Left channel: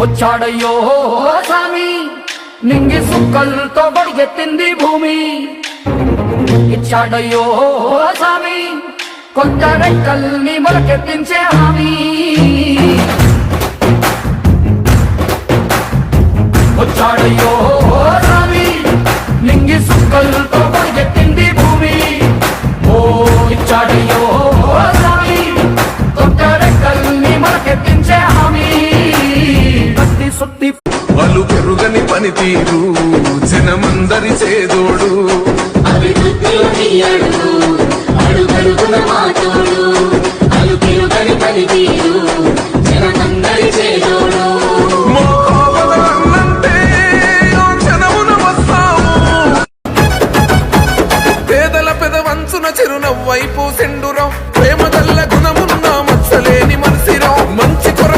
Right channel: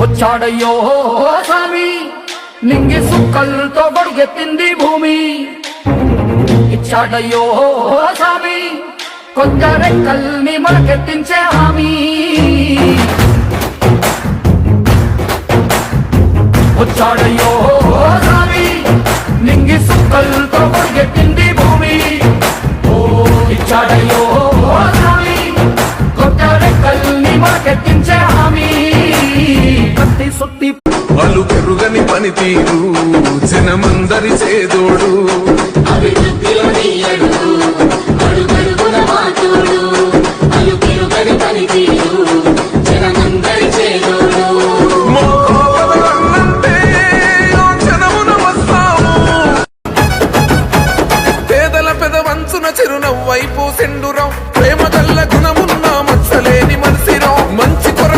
వచ్చాడయ్యో స్వామి నింగి సుక్కలతో బడిగెత్తింది భూమి. ఇచ్చాడయ్యో స్వామి కొత్త రెక్కల్ని మొలకెత్తించే హామీ. వచ్చాడయ్యో స్వామి నింగి సుక్కలతో బడిగెత్తింది సుత్తి పలు పెరుగని పనితీరు జనమందరి చేదోడు. చిరునవ్వైపు సెండురం ప్రేమ గల్ల గుణమున్న మత్సలేని మనసిరం మంచి కొరకు పరిత